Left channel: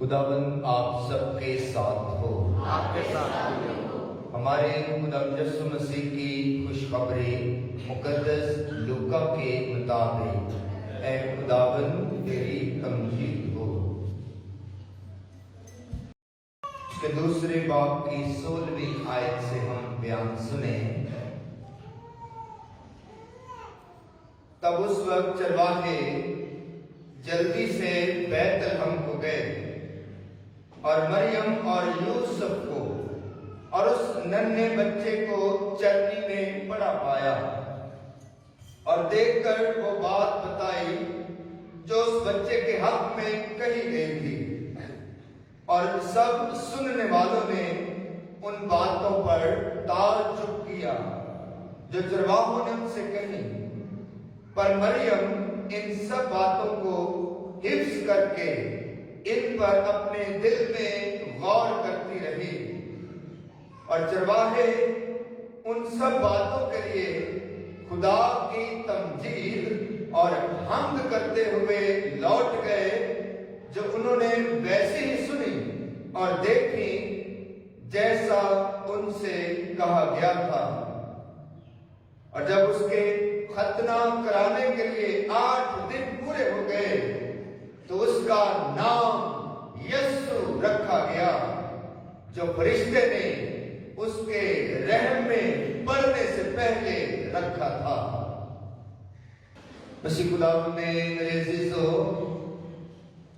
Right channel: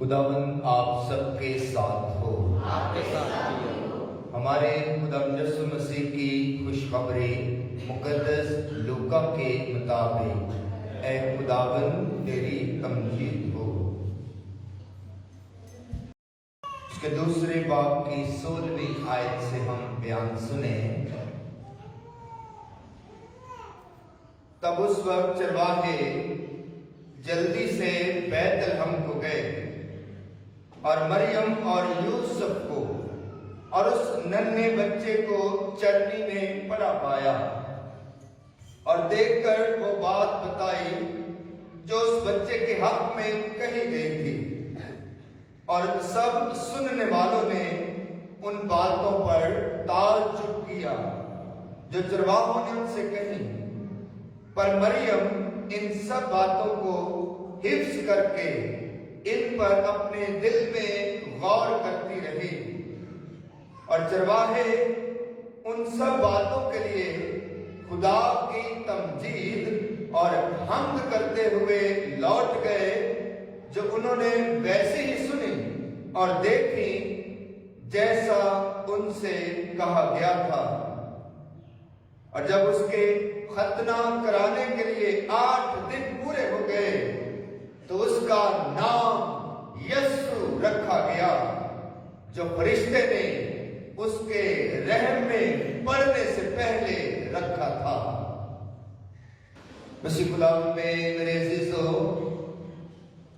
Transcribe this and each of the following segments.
खुदाबंद आप सबके साथ हो। आपके साथ भी हो। हमारे खुदा यीशु मसीह की खुशखबरी मुकद्दस लूका के मुताबिक ऐ खुदाबंद तेरी तमजीद हो। उसके दूसरे बाब की 16वीं आयत से हम बयान सुने। तब उस वक्त चरवाहे जल्दी से बैतलहम को गए और मरियम और यूसुफ को और उस नन्हे बच्चे को चरनी में पड़ा पाया और देखकर वो बात बताई जो उस बच्चे के हक में कही गई थी। और सब सुनने वालों ने उन बातों पर ताज्जुब किया जो चरवाहों ने उनसे कही। पर मरियम इन सब बातों को हिफ्ज करके इन पर अपने दिल में गौर करती रही। और चरवाहे उन सब बातों के लिए खुदा की तमजीद और हम्द करते हुए लौट गए जो उन्होंने वैसे ही सुनी और देखी जैसा उनसे कहा गया था। और जब उसके खतना कराने के लिए 8 दिन पूरे हो गए तो उसका नाम यीशु रखा गया जो फरिश्ते ने उसके रहम में पड़ने से पहले रखा था। मसीह खुदावंद में मेरे अजीजों,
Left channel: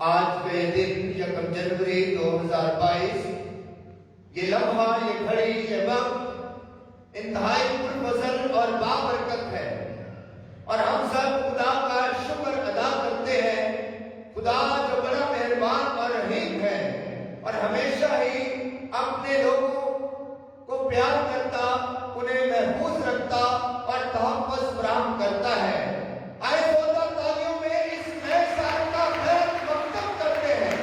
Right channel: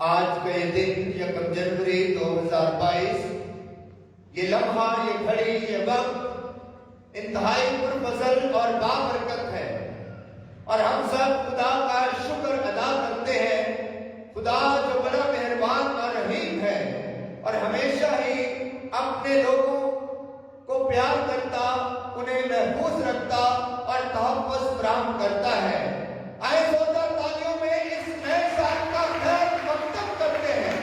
आज का ये दिन 1 जनवरी 2022, ये लम्हा, ये घड़ी, ये वक्त इंतहाई पुरफज़ल और बाबरकत है। और हम सब खुदा का शुक्र अदा करते हैं। खुदा जो बड़ा मेहरबान और रहीम है और हमेशा ही अपने लोगों को प्यार करता, उन्हें महफूज रखता और तहफ़्फ़ुज़ फराहम करता है। आए जोरदार तालियों में इस नए साल का खैर मक़दम करते हैं,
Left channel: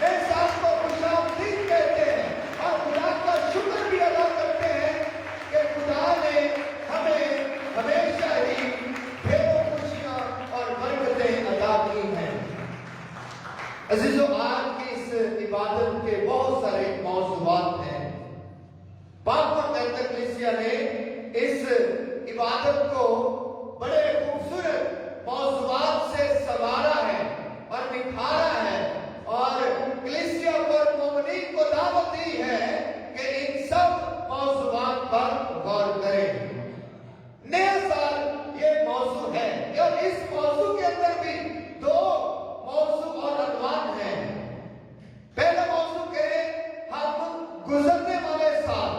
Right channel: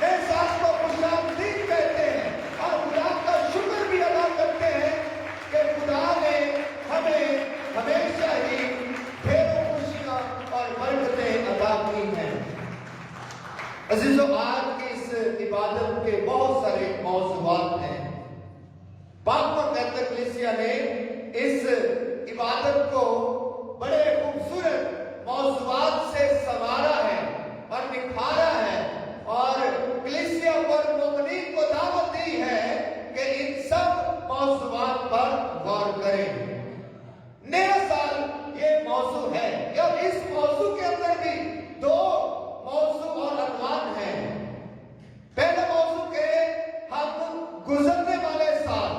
नए साल को खुशामदीद कहते हैं और खुदा का शुक्र भी अदा करते हैं कि खुदा ने हमें हमेशा ही ढेरों खुशियां और बरकतें अदा की हैं। अजीजों, आज की इस इबादत के बहुत सारे मौज़ूआत हैं। पाक मुक़द्दस कलीसिया ने इस इबादत को बड़े खूबसूरत मौज़ूआत से संवारा है और निखारा है और कलीसिया पर मोमिनीन को दावत दी है कि इन सब मौज़ूआत पर गौर करें। नया साल ये मौजू है। और इस मौजू के अंदर भी 2 मौजू और अनवान हैं। पहला मौजू के हम गुजरने वाले साल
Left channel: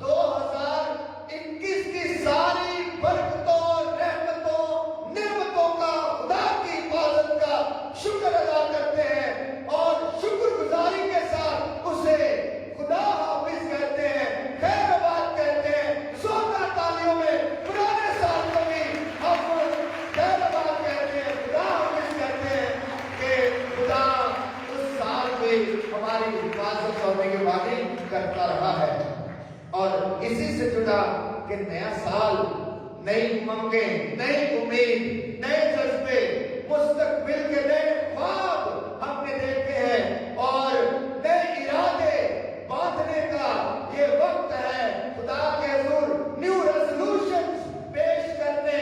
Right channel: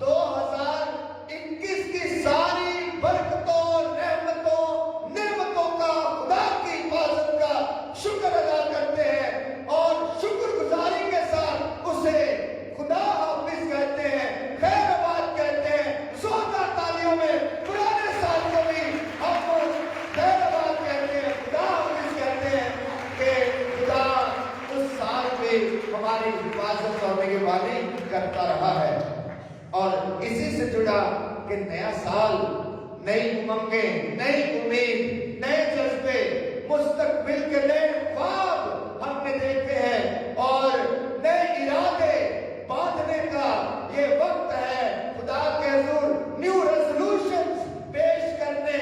2021 की सारी बरकतों, रहमतों, नेमतों का, खुदा की हिफाजत का शुक्र अदा करते हैं और शुक्रगुजारी के साथ उसे खुदा हाफिज कहते हैं, खैरबाद कहते हैं। जोरदार तालियों में पुराने साल को भी हम खैरबाद कहते हैं, खुदा हाफिज कहते हैं कि खुदा उस साल में हमारी हिफाजत और निगरानी करता रहा है। और इसी से जुड़ा कि नया साल, नई उमंगें, नई उम्मीद, नए जज्बे, मुस्तकबिल के नए ख्वाब हमने देखे हैं और नए इरादे बांधने का ये वक्त है। खुदा के हुजूर न्यू रेज़ोल्यूशंस पेश करने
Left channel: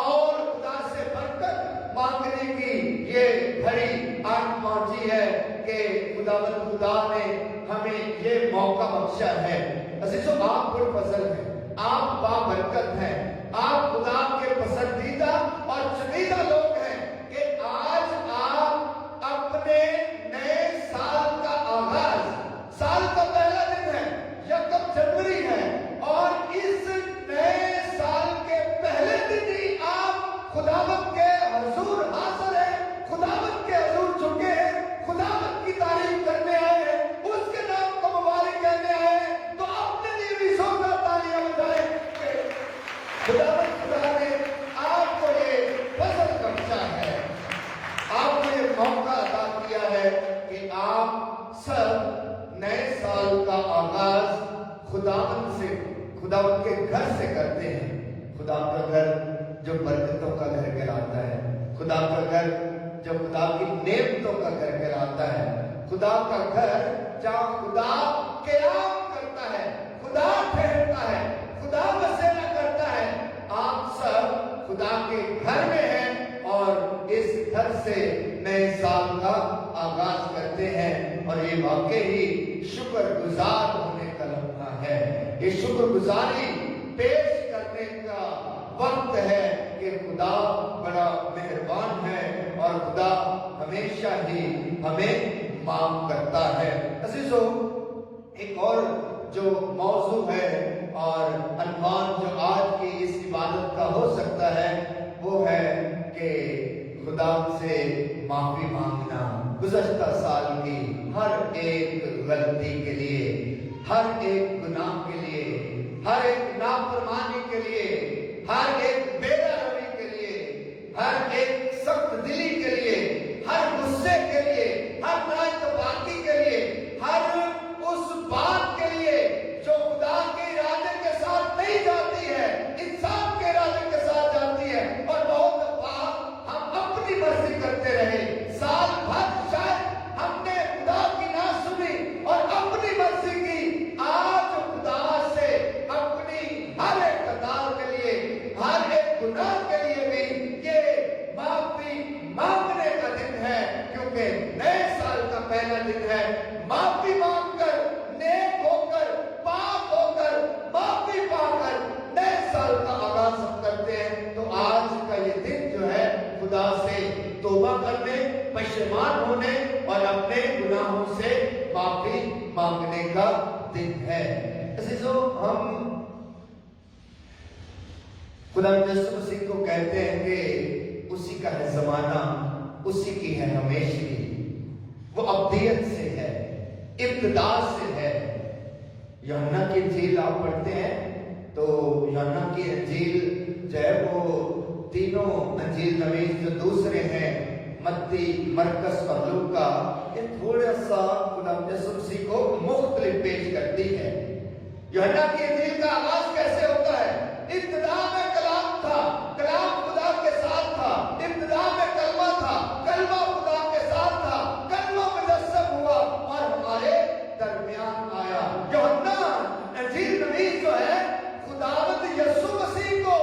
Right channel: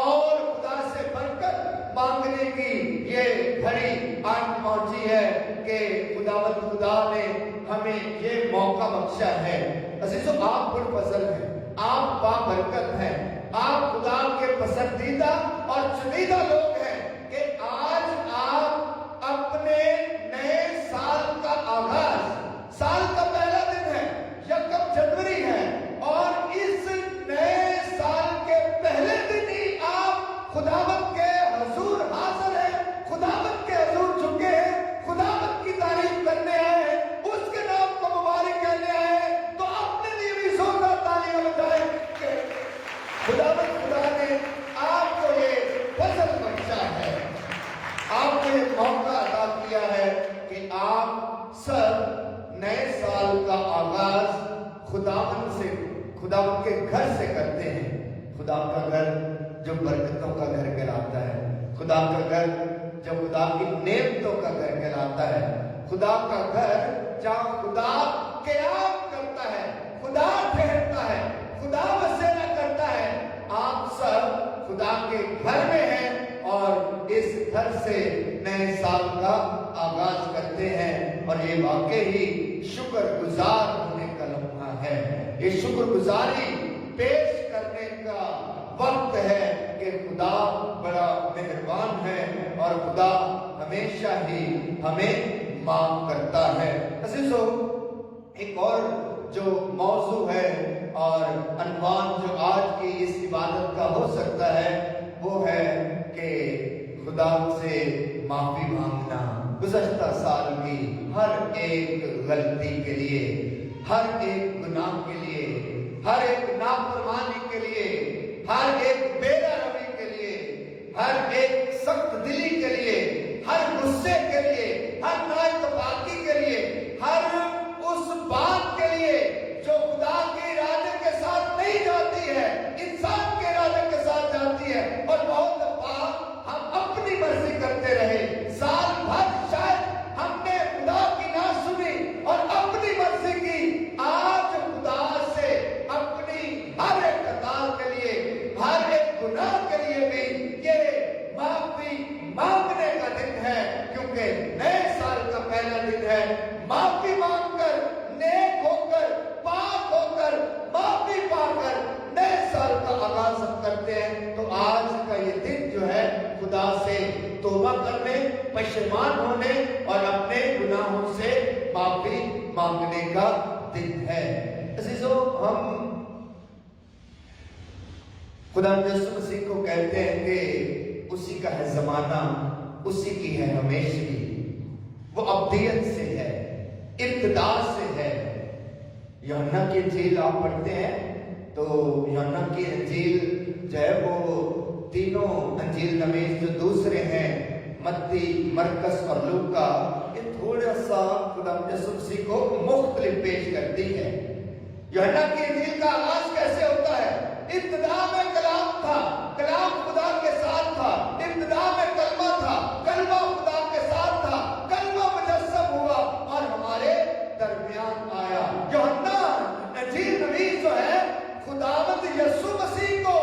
और खुदा से बरकत मांगने की ये घड़ी आज पहुंची है कि खुदावंद खुदा ने हमें ये मौका बख्शा है। अजीजों, आप पुरफज़ल हैं, आप बाबरकत हैं, आप खुदा के पसंदीदा और चुनीदा लोग हैं कि आज आप अपने नए साल का आगाज, साल का पहला दिन है, 1 जनवरी है और इस नए साल के पहले दिन ही आप खुदावंद के हुजूर हाज़िर हैं, खुदावंद के हुजूर झुके हैं, खुदावंद की तारीफ करने आए हैं, उसके नाम को मुबारक कहने आए हैं। तो अपने लिए भी जोरदार तालियां बजाएं कि खुदा ने आपको ये फजल बख्शा है, आपको ये मौका अदा किया है कि आप सब नए साल का आगाज खुदावंद से, खुदावंद के घर से करते हैं। खुदा का घर जो बरकतों का घर कहलाता है, खुदा का घर जो खुदा की नेमतों का घर कहलाता है, खुदा खुदा का घर जहां खुदा क़याम करता है, खुदा ठहरता है, खुदा बसेरा करता है। आप सब खुदा के घर में हैं और इस घर से नए साल का आगाज करते हैं और ये वाकई ही शुक्रगुजार होने का लम्हा है। ये शुक्रगुजारी पेश करने का वक्त है कि खुदा बड़ा मेहरबान है और खुदा हमेशा ही हमें माफ करता है। अजीजों, एक और जो मौजू है और अनवान जो आज की इस इबादत का हो सकता है वो है कि खुदा से माफी मांगना। गुज़श्ता साल की हर एक गलती के लिए, हर एक गुनाह के लिए, हर एक नाफरमानी के लिए, हर एक बेरहमी के लिए, हर एक सख्त दिली के लिए, हर गुस्से के लिए, हर नाइतबाकी के लिए, हर उस बात के लिए जो खुदा के इरादे के साथ नहीं जाती है, इंसान के इरादे के साथ जाती है। और बहुत दफा हम अपनी मर्जी करते रहे, साल भर शायद हमने खुदा की ना सुनी और अपनी मर्जी की। आज खुदा से अपनी हर एक खता के लिए, हर एक गुनाह के लिए भी ये माफी मांगने का दिन है, क्योंकि नए साल का पहला दिन है। माफी मांगकर, नेक होकर, पाक होकर, माफी पाकर नए साल का आगाज हम करते हैं। तो आज का ये दिन जो है खुदा से तौबा करने, पश्चाताप होने और अपने गुनाहों से माफी मांगने का दिन है। अजीजों, हम खुदा यीशु मसीह को कहते हैं कि उसी का है जमाना, उसी की है हमेशगी, वो अब्दियत से है, इब्तिदा से है। यूहन्ना की इंजील आप पढ़ते हैं तो यूहन्ना की इंजील जो है वो तीनों इंजील नवीस जो दूसरे हैं, मत्ती, मरकस और लूका, ये थोड़ा सा खुदा यीशु मसीह को मुख्तलिफ पेश करती है। यूहन्ना की इंजील का आगाज कैसे होता है? इब्तिदा में कलाम था, कलाम खुदा के साथ था, इब्तिदा में कलमा था, कलमा खुदा के साथ था, कलमा मुजस्सम हुआ और हमारे दरमियान आया। यूहन्ना इंजील नवीस जो है खुदावंद यीशु मसीह को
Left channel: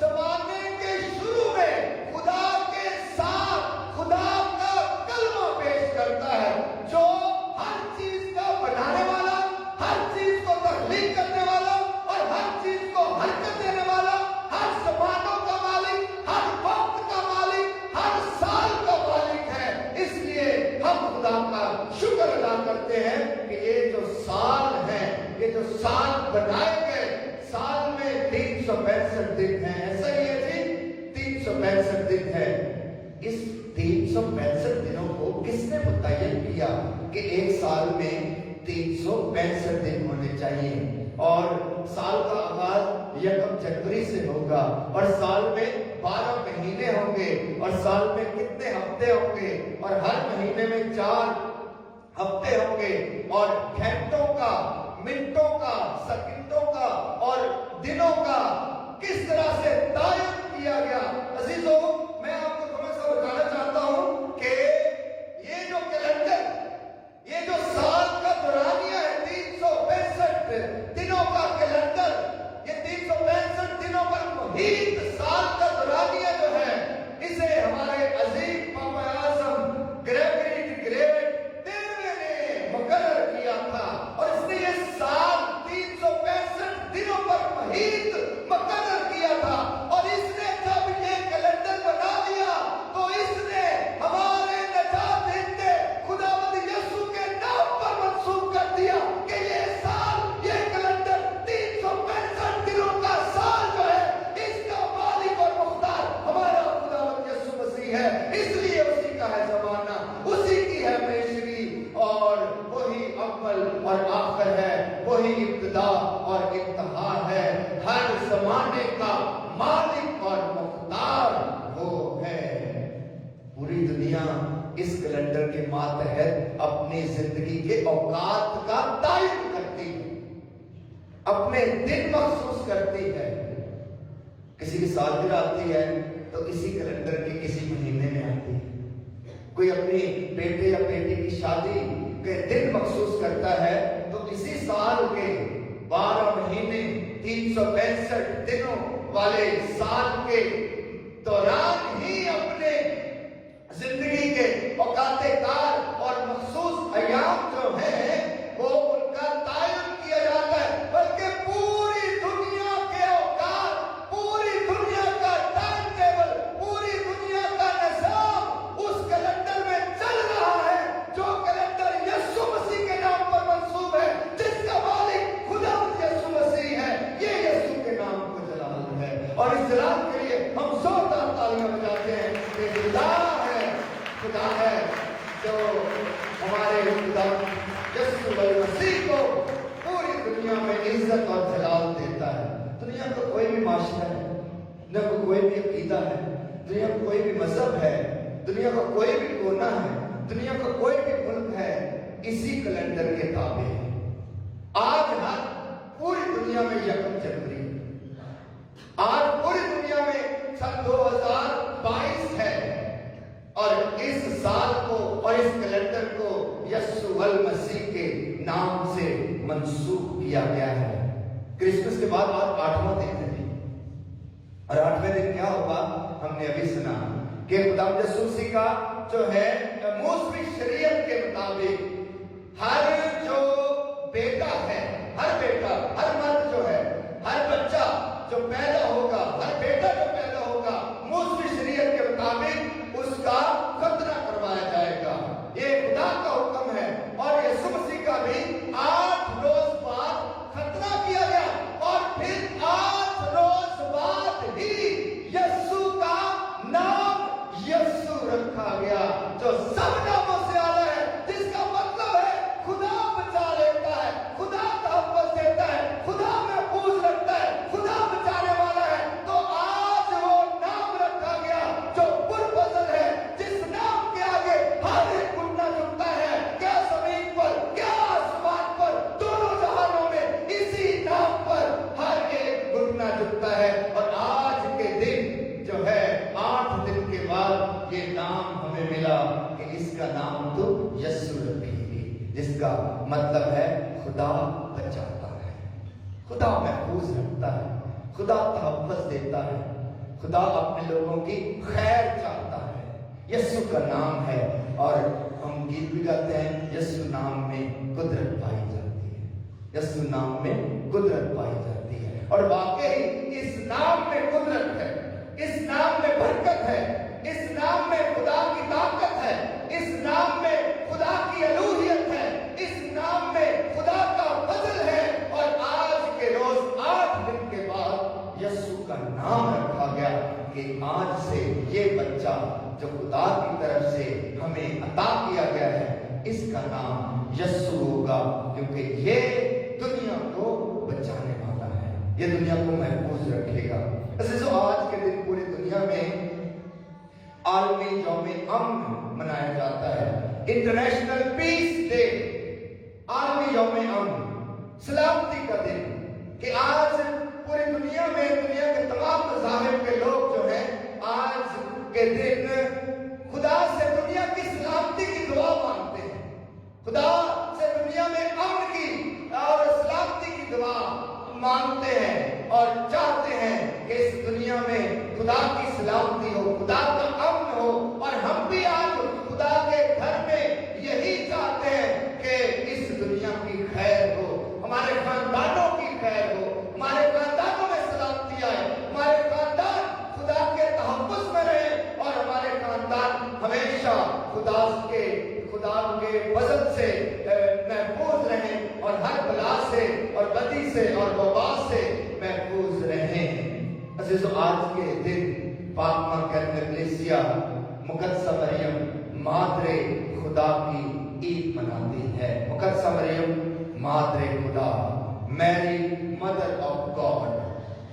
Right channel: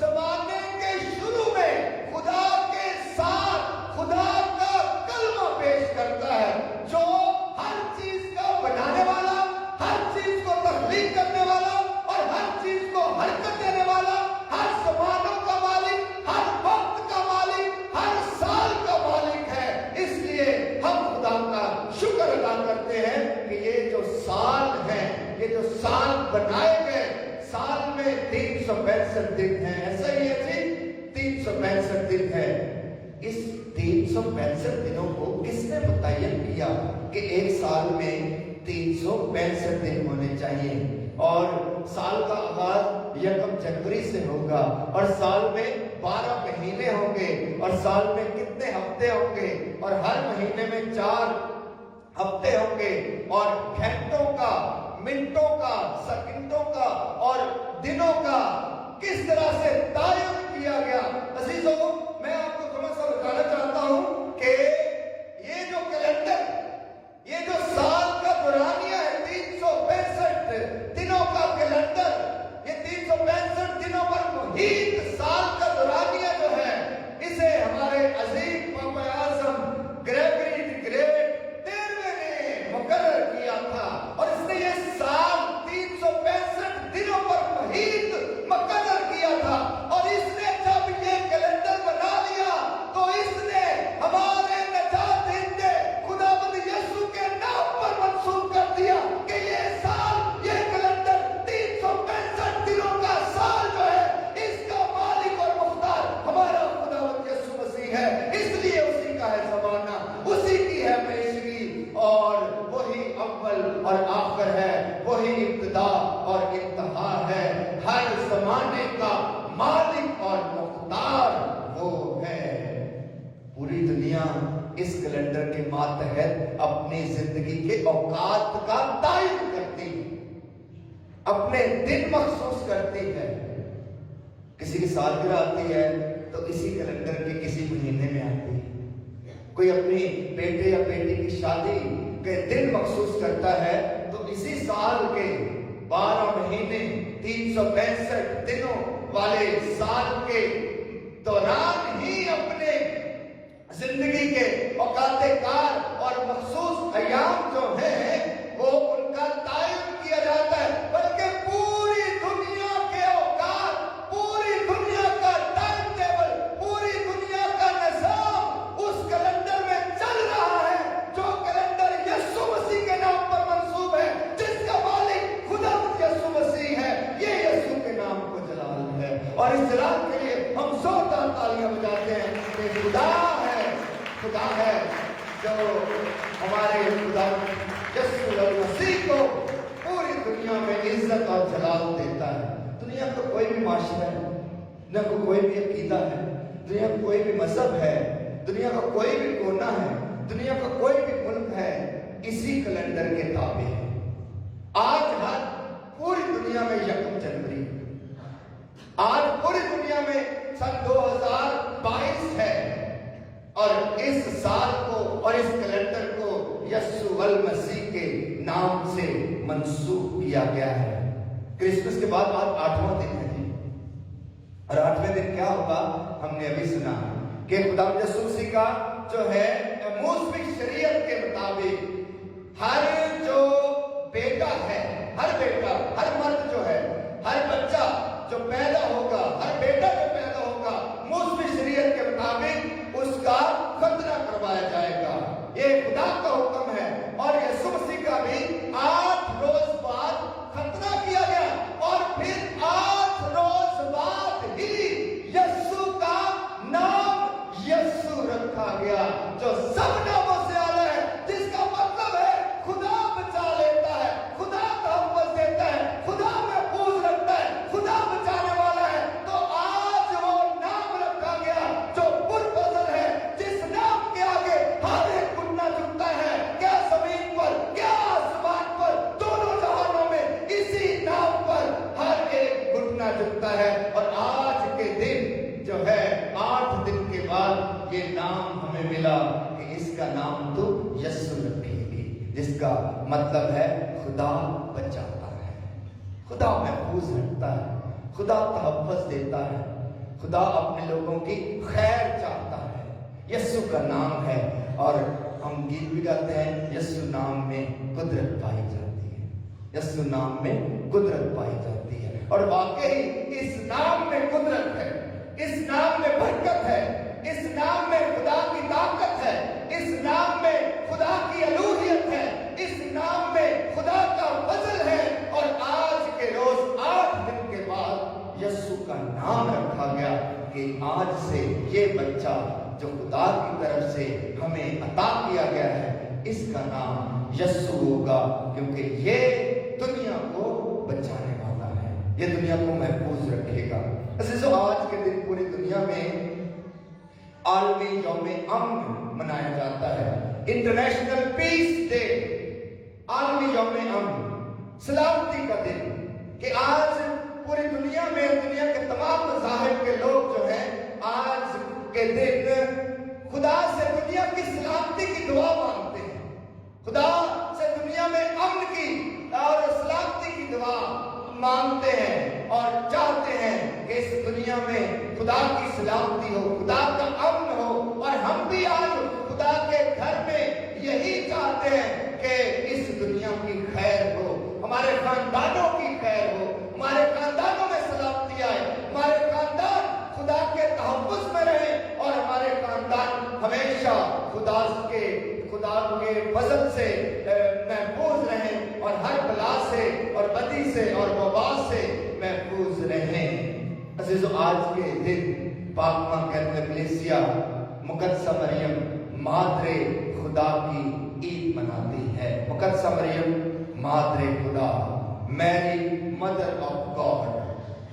ज़माने के शुरू में खुदा के साथ खुदा का कलमा पेश करता है, जो हर चीज को बनाने वाला, हर चीज को तख्लीक करने वाला और हर चीज को हरकत देने वाला, हर ज़मानों का मालिक, हर वक्त का मालिक, हर साल का मालिक है। इसलिए हम खुदा का शुक्र अदा करते हैं कि ये जो साल है, ये जो साल बनाए गए, साल में 365 दिन है। ऐसा ही है जी, 365 दिन है। इस 365 दिनों को किसने मुतय्यन किया कि एक साल में 365 दिन होने चाहिए? और साल का आगाज 1 जनवरी से होगा और साल में 12 महीने होंगे और साल में कितने हफ्ते होंगे और हर महीने में 4 हफ्ते होंगे और घंटों का, मिनटों का, सेकंडों का और दिनों का किस तरह से तायन किया गया। अजीजों, मैं आपको थोड़ा सा बताना चाहता हूं कि ये जो कैलेंडर, ये जो साल का दौरानिया है, 365 दिनों का कैलेंडर, ये 365 दिनों पर मुहित साल का दौरानिया जो है, इसे हमारे अजीम पापा आज़म ग्रेविटी ग्रेविट 13वें ने मुकर्रर किया था और इसने ये साल 365 दिनों पर मुहित मुकर्रर किया था। और इसने जब ये कैलेंडर बना लिया तो इसने हमारे नजात देते खुदावंद यीशु के नाम पर मंसूब कर दिया कि ये साल, ये कैलेंडर 365 दिनों का साल जो है, इसका मालिक और मुख्तार हमारा खुदावंद यीशु मसीह है। इसलिए उसी का है जमाना, उसी की है पेशगी और वही अव्वल और आखिर है, वही इब्तिदा और इंतहा है। हर जमाने का मालिक और मुख्तार वो है। पूरी दुनिया इस कैलेंडर के मातहत अपनी जिंदगी के औकात का तायन करती है, अपने दिन महसूस करती है। किसी की सालगिरह आती है तो इसी कैलेंडर के किसी महीने में आती है। कोई अपनी बेटे या बेटी की शादी के दिन मखसूस करता है, तो इसी साल के 12 महीने 365 दिनों वाले साल के दौरान ही अपने जिंदगी के औकाते कार और मखसूस अयाम जो है वो उनका तायुन किया जाता है, बल्कि पूरी दुनिया के औकात, पूरी दुनिया का टाइम टेबल, पूरी दुनिया का निज़ाम उस कैलेंडर में चल रहा है जो कैलेंडर यीशु मसीह के नाम पर मंसूब है, जिसका मालिक खुदा यीशु मसीह है। ये यीशु के नाम को जलाल है और इस जलाल के लिए हम जोरदार तालियां बजाते हैं कि खुदा है जो हमारे खुदा यीशु मसीह को पूरी दुनिया में इज्जत और जलाल देता है। दुनिया का कोई भी माशरा है, दुनिया को कोई भी अकीदा है, दुनिया का कोई भी मजहब है, दुनिया का कोई भी कोना है, दुनिया का कोई भी मुल्क है, इसी कैलेंडर के ताबे है। आज हर पूरी दुनिया में 1 जनवरी, आज पूरी दुनिया में सन 2022 है और इस साल को और इस कैलेंडर को यीशु मसीह के नाम से मंसूब किया गया है। क्रिसमस के बाद 8वां दिन है जी, और 8वें दिन क्या होगा हमने अभी सुना कि खुदा यीशु मसीह का जो है मौसमी शरीयत के मुताबिक हर जो बेटा है, हर बेटा, हर मर्द जो है, हर बच्चा जो पैदा होगा, हर बेटा जो पैदा होगा, मौसमी शरीयत के मुताबिक उसका खतना करवाया जाएगा। ये खुदा का हुक्म है और यीशु मसीह का भी 8 रोज बाद खतना किया गया और फिर 8 रोज बाद ही यीशु का नाम यीशु रखा गया, जो सब नामों से आला है, जिसका मतलब है खुदा बचा लेता है, खुदा तहफ़्फ़ुज़ देता है, खुदा महफूज रखता है, खुदा बचाने वाला है। तो आज वो नाम रखा गया जो पुरफज़ल है, जिस नाम के आगे हर एक घुटना झुकता है, क्या जमीन पर, क्या आसमान पर, दोनों जहानों में इसी नाम पर हर एक घुटना झुकता है। और आज के दिन जो है 8 दिन के बाद ये नाम हमें मिला कि इसका नाम तो यीशु रखेगी, जिसका मतलब है खुदा बचाता है, खुदा महफूज रखता है, खुदा तहफ़्फ़ुज़ देता है, खुदा अपने लोगों की खैर चाहता है। यीशु का नाम है और हम गीत भी गाते हैं, यीशु नाम में कुदरत पाई जाती है, यीशु नाम में कुदरत पाई जाती है। और वाकई इस नाम में कुदरत है, इस नाम में बरकत है, इस नाम में खुदा की ताकत है, इस नाम में खुदा की अलूहियत है, इस नाम में खुदा का फजल है। और आज के रोज 8 दिन के बाद यीशु का नाम रखा गया कि आज से ये बच्चा जो खुदा की तरफ से हमें अता किया गया है, इसका नाम यीशु होगा, क्योंकि ये दुनिया को बचाने वाला है, ये दुनिया को महफूज रखेगा। अज़ीज़ों, आज के दिन पूरी दुनिया में आलमी यौम अमन मनाया जाता है, इंटरनेशनल पीस डे, आलमी यौम अमन, सलामती का दिन, कि आज पूरी दुनिया में दुनिया के तमाम मज़ाहिब के लोग जो हैं आज के दिन खुदा से दुनिया की सलामती की दुआ मांगते हैं, खुदा से दुनिया में अमन की और सलामती की दुआ मांगते हैं और चाहते हैं कि इस दुनिया में खुदा की सलामती हो, खुदा का अमन हो। और हम भी आज खुदा के घर में यही चाहते हैं कि इस दुनिया की खैर हो, हमारे खानदानों की खैर हो, हमारे खानदानों में सलामती आए, हमारे खानदान खुदा के तहफ़्फ़ुज़ में रहे और हमारे खानदान हमेशा खुदा के फज़ल से महफूज रहें और हर बला से और बदी से और वबा से महफूज रहें। अज़ीज़ों, आज के दिन पाक मां कलीसिया मुक़द्दसा मरियम मादरे खुदा की ईद मनाती है। मुक़द्दसा मरियम मादरे खुदा, मैरी मदर ऑफ गॉड,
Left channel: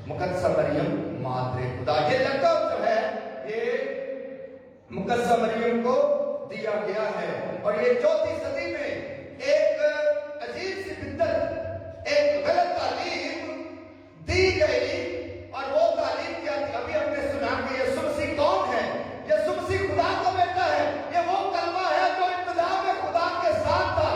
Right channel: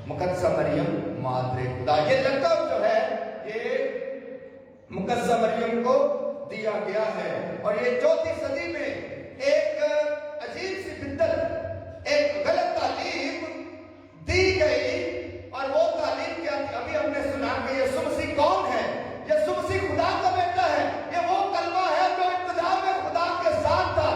मुक़द्दसा मरियम मादरे खुदा, ये लक़ब जो है ये मुक़द्दसा मरियम को दिया गया है। और ये 4वीं सदी में एक अजीब सी बिद्दत, एक गलत तालीम दी गई, और वो तालीम क्या थी? अभी हमने सुना कि यीशु मसीह कौन है? यीशु मसीह खुदा का बेटा है। ये वो कलमा है जो इब्तिदा में खुदा के साथ था,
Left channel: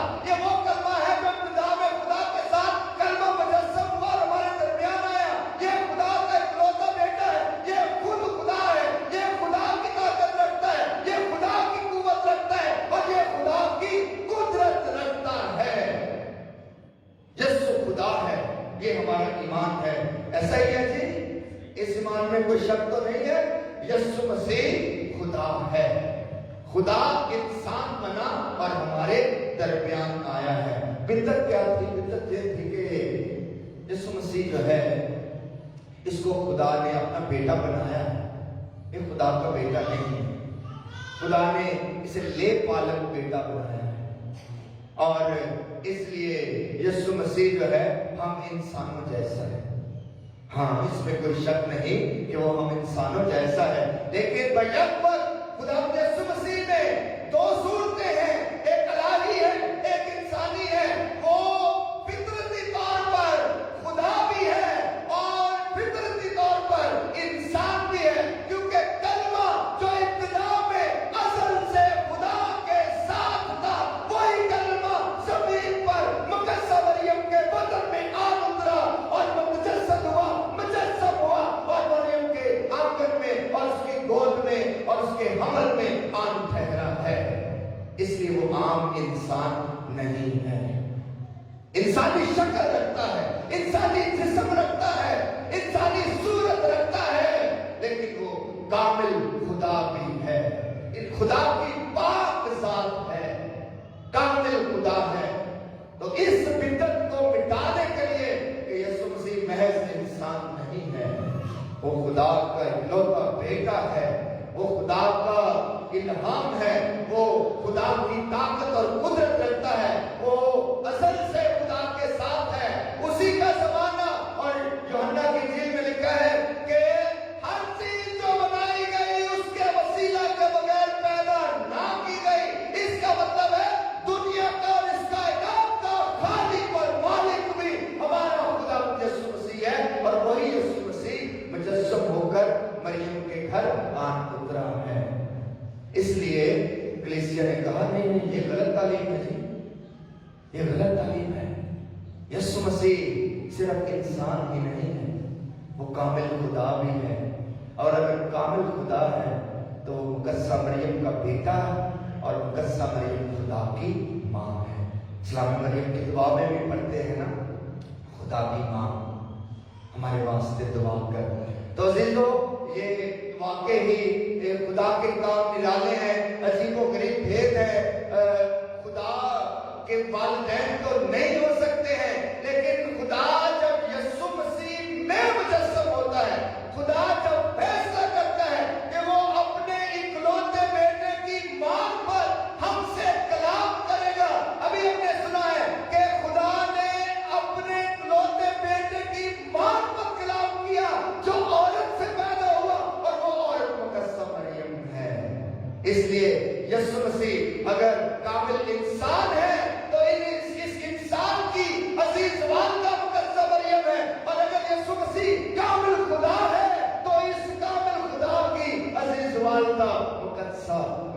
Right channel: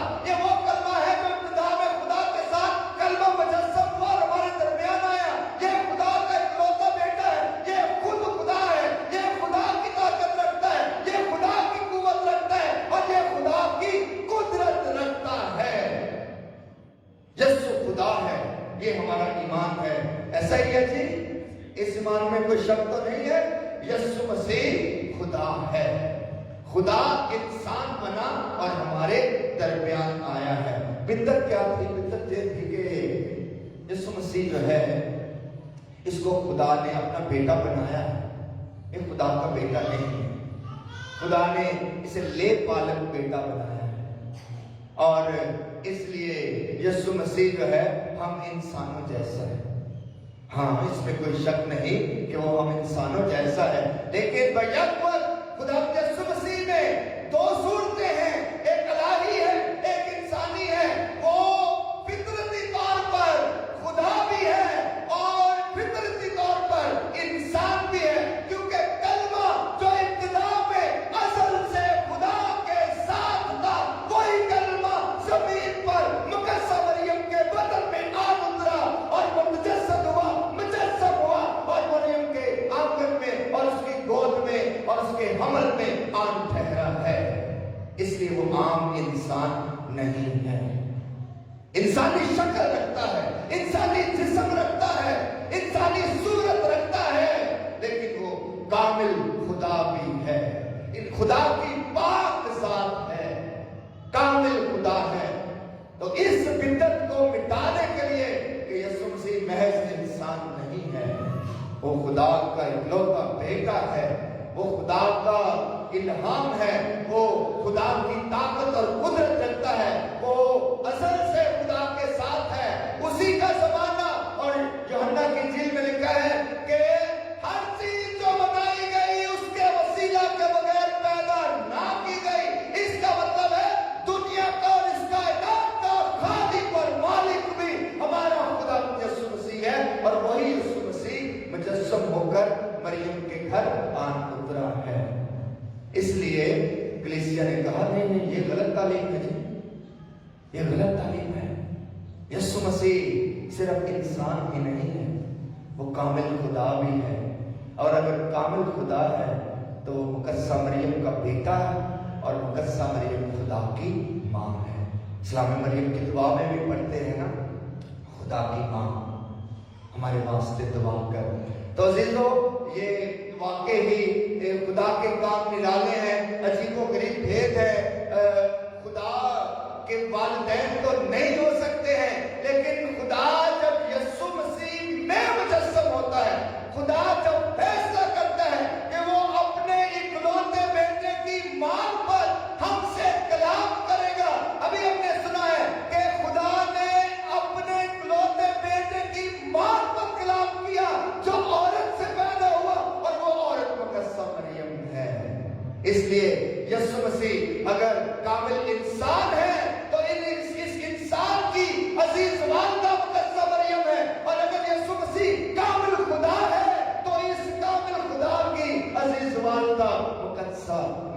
में कोई शक तो नहीं है, यीशु मसीह खुदा है। खुदा इंसान बना और हमारे दरमियान आया है। बिद्दत क्या थी? बिद्दत ये थी कि यीशु मसीह जो है इसको खुदा ने अपना बेटा बनाया है। ये खुदा का बेटा नहीं है, खुदा ने इसे ले पालक बेटा बनाया है। और इसलिए यीशु मसीह जो है हम इंसानों जैसा है। हाँ, इसमें कोई शक नहीं कि वो हम इंसानों जैसा है। लेकिन बयख्तर खुदा यीशु मसीह में दो सूरतें हैं, एक इलाही है, एक इंसानी है। वो फितरती तौर पर खुदा भी है और फितरती तौर पर इंसान भी है, क्योंकि कलमा जो इब्तिदा में असल से खुदा के साथ था, वही कलमा जमीन पर मुकद्दस मरियम के बदन में आ उतरा और वो मुजस्सद हुआ, मुजस्सम हुआ और मरियम के आंगन में और उसकी गोद में और उसके हमल में आन ठहरा है। इसलिए वो आम इंसान नहीं है। इंसानी शक्ल रखता है, इंसानी जिस्म रखता है, इंसानी सूरत रखता है, लेकिन वो कामिल खुदा भी है। इन खुदा की पाक ज़ात है, कामिल खुदा है। तो इस बिदअत को मिटाने के लिए कि यीशु मसीह महज इंसान नहीं है, वो खुदा का इकलौता बेटा है, वो खुदा का इल्हाम है, वो खुदा की ताकत और कुदरत रखता है, वो असल से खुदा के साथ है, उसी का ज़माना। और यूहन्ना की इंजील में लिखा है कि हर चीज जो बनाई गई उसके वसीला के बगैर पैदा ना की गई। इसका मतलब है दुनिया का और इस कायनात का खालिक और मालिक भी हमारा खुदा यीशु मसीह है। और वही यीशु मसीह मुजस्सम होकर मरियम के घर आन उतरा है। इसलिए कलीसिया ने कहा नहीं नहीं, ये गलत तालीम है जी, ये गलत तालीम है। यीशु मसीह सिर्फ इंसान ही नहीं है, वो कामिल खुदा भी है। और अगर कामिल खुदा है तो वो मुकद्दस मरियम का बेटा है और मुकद्दस मरियम खुदा की माँ है। इस्लामी मरियम की दुआ में भी पढ़ते हैं ना, खुदा की माँ हमारे वास्ते दुआ कर। तो अजीजों, ये वाकई ही खुदा के काम निराले हैं, अजीबोगरीब भेद है। खुदा के वालिदैन तो नहीं हो सकते हैं, लेकिन खुदा जब यीशु मसीह में मुजस्सम होता है, खुदा जब फैसला करता है कि वो अपने इकलौते बेटे की मांग पर हमसे कलाम करेगा। अभी हमने सुना है कि खुदा ने अपने इकलौते बेटे की मांग पर कलाम किया, जो औरत से पैदा हुआ, और वो औरत मुकद्दस मरियम है। इसलिए यीशु मसीह अगर कामिल इंसान है तो इस इंसान की अजीज वालिदा मुकद्दस मरियम है, और अगर यीशु मसीह कामिल खुदा है तो इस कामिल खुदा की अजीज वालिदा मुकद्दस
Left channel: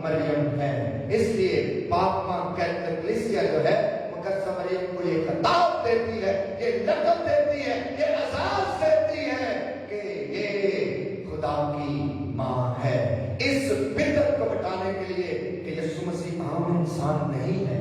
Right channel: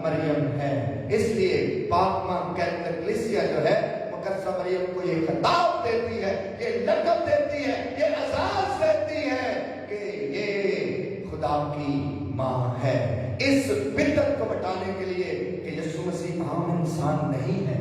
मरियम है। इसलिए पाक मां कैथोलिक कलीसिया जो है मुकद्दस मरियम को ये खिताब देती है, ये लक़ब देती है, ये एजाज़ देती है कि ये खुदा की मां है। इस बिदअत को मिटाने के लिए कि यीशु मसीह आम इंसान नहीं है,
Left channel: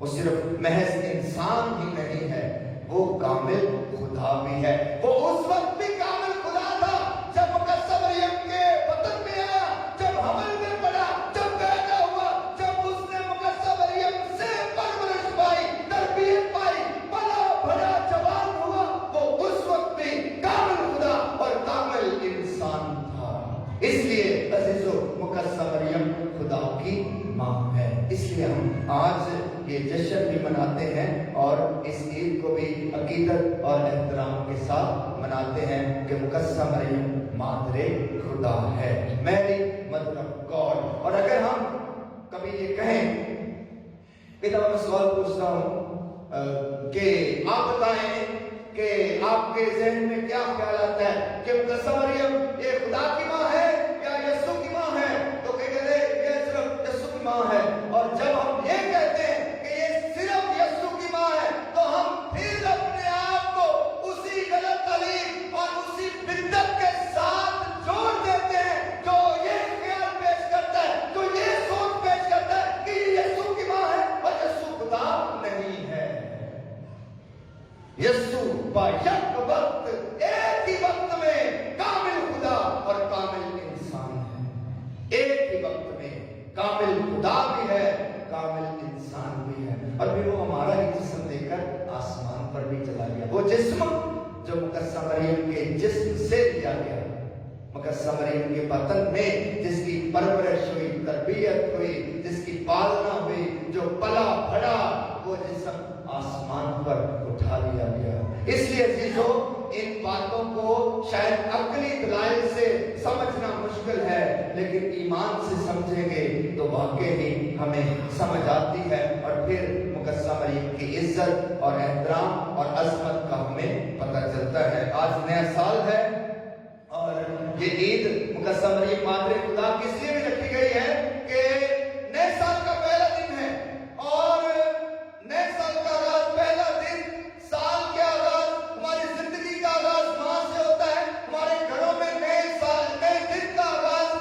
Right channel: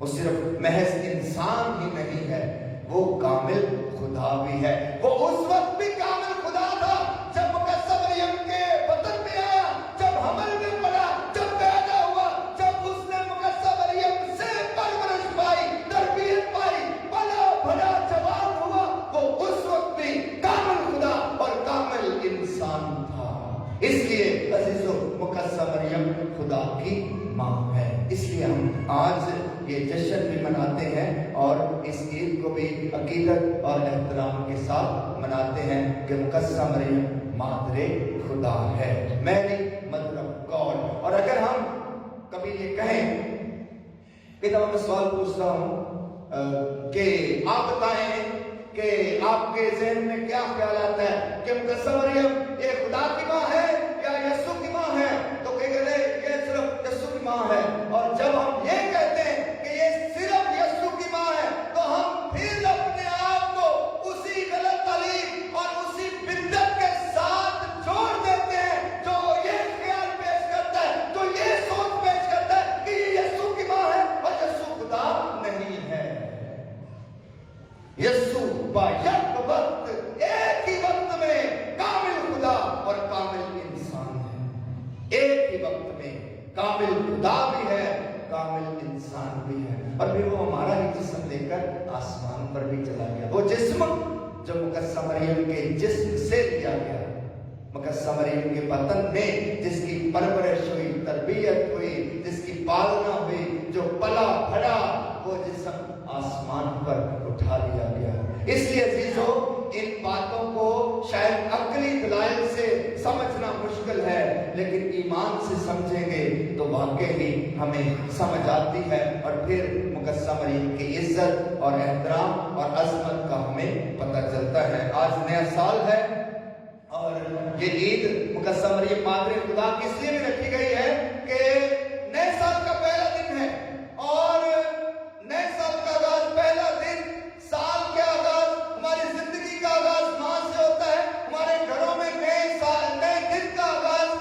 वो सिर्फ महज इंसान ही नहीं है, वो कामिल खुदा भी है। वो उस वक्त भी कामिल खुदा था जब मुकद्दस मरियम के बदन में आया, जब हमल में पड़ा, जब पैदा हुआ, जब उसने मुकद्दस मरियम से परवरिश पाई, तरबियत पाई, बड़ा बड़ा जवान हुआ, वो उस वक्त भी कामिल खुदा और कामिल इंसान था। इसलिए अजीजों, मुकद्दस मरियम खुदा की मां है। इसलिए हम आज ये जश्न भी मनाते हैं और इस ईद को भी अकीदत और एहतराम के साथ मनाते हैं कि मुकद्दस मरियम मादरे खुदा है, मैरी मदर ऑफ गॉड। और अगर हम कभी ये कहें कि तो मैं सवाल पूछता हूं कि आप बताएं कि आपके ज़हन में क्या ख्याल आता है कि मुकद्दस मरियम ये खुदा की मां है या यीशु की मां है? तो कहेंगे ये सिर्फ यीशु की मां है। और जब हम ये कहते हैं कि ये सिर्फ यीशु की मां है, तो हम फिर अपने आप को उसी गलत तालीम और उसी बिदअत के साथ जोड़ देते हैं जो ये ख्याल पेश करता है, जो ये सोच पेश करता है कि ये यीशु की मां है और यीशु खुदा नहीं है। यीशु एक ही वक्त में कामिल खुदा इंसान भी है, और फिर वो हमारा ही जिस्म लेकर आसमान पर भी चला गया। वो जिस्म जो मुकद्दस मरियम के जिस्म से लिया गया, मुकद्दस मरियम के बदन में जिसकी परवरिश हुई, तरबियत हुई, जिसकी पालना हुई, जो पला बढ़ा, वो जिस्म आसमान पर उठा लिया गया। इसलिए अजीजों, इन बातों को शायद अक्ली दलाइल से समझना मुश्किल है, लेकिन ईमान से समझेंगे तो वाकई ही हमें समझ आती है, और फिर मुकद्दस मरियम की इज्जत और एहतराम और अजमत का हमें पता चलता है। आज नया साल है, और ये ईद मुकद्दस मरियम मादरे खुदा की इसलिए भी रखी गई है कि नए साल का पहला दिन है, और नए साल का आगाज, पहला दिन, साल के आगाज, हमारी जिंदगी का आगाज मां से होता है। हमारे घरों में नए साल, नए दिन का आगाज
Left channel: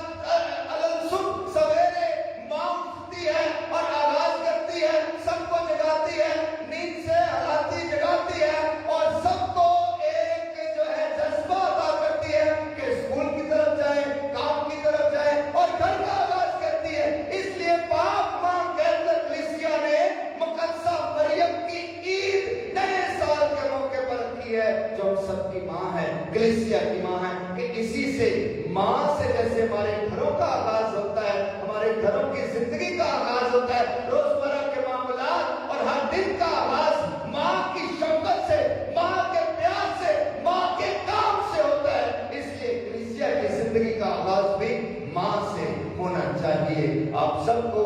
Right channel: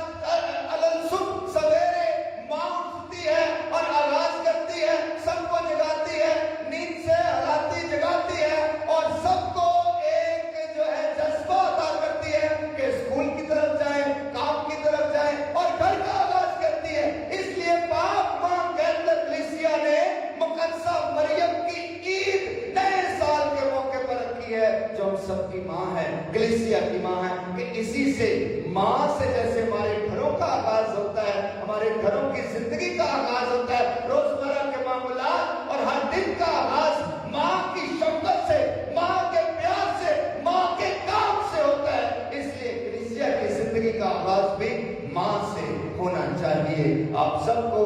सुबह सवेरे मां उठती है और आगाज करती है, सबको जगाती है, नींद से हलाती जगाती है, और सबको एक जो है जज्बा अता करती है कि स्कूल की तरफ जाए, काम की तरफ जाए, और घर का आगाज करती है। इसलिए पाक मां के अंदर कलीसिया ने मुकद्दसा मरियम की ईद नए साल के मौके पर रखी है, जो हम सबकी मां है, कलीसिया की मां है, कि इसी से मां से जैसे हमारे घरों का आगाज होता है, हमारे घरों की जिंदगी का आगाज होता है, रोजमर्रा के मामलात और हर दिन का आगाज मां की शफकत से, मां के प्यार से, मां के काम से होता है। इसलिए कलीसिया की जिंदगी का आगाज भी मां से होना चाहिए। आप सबको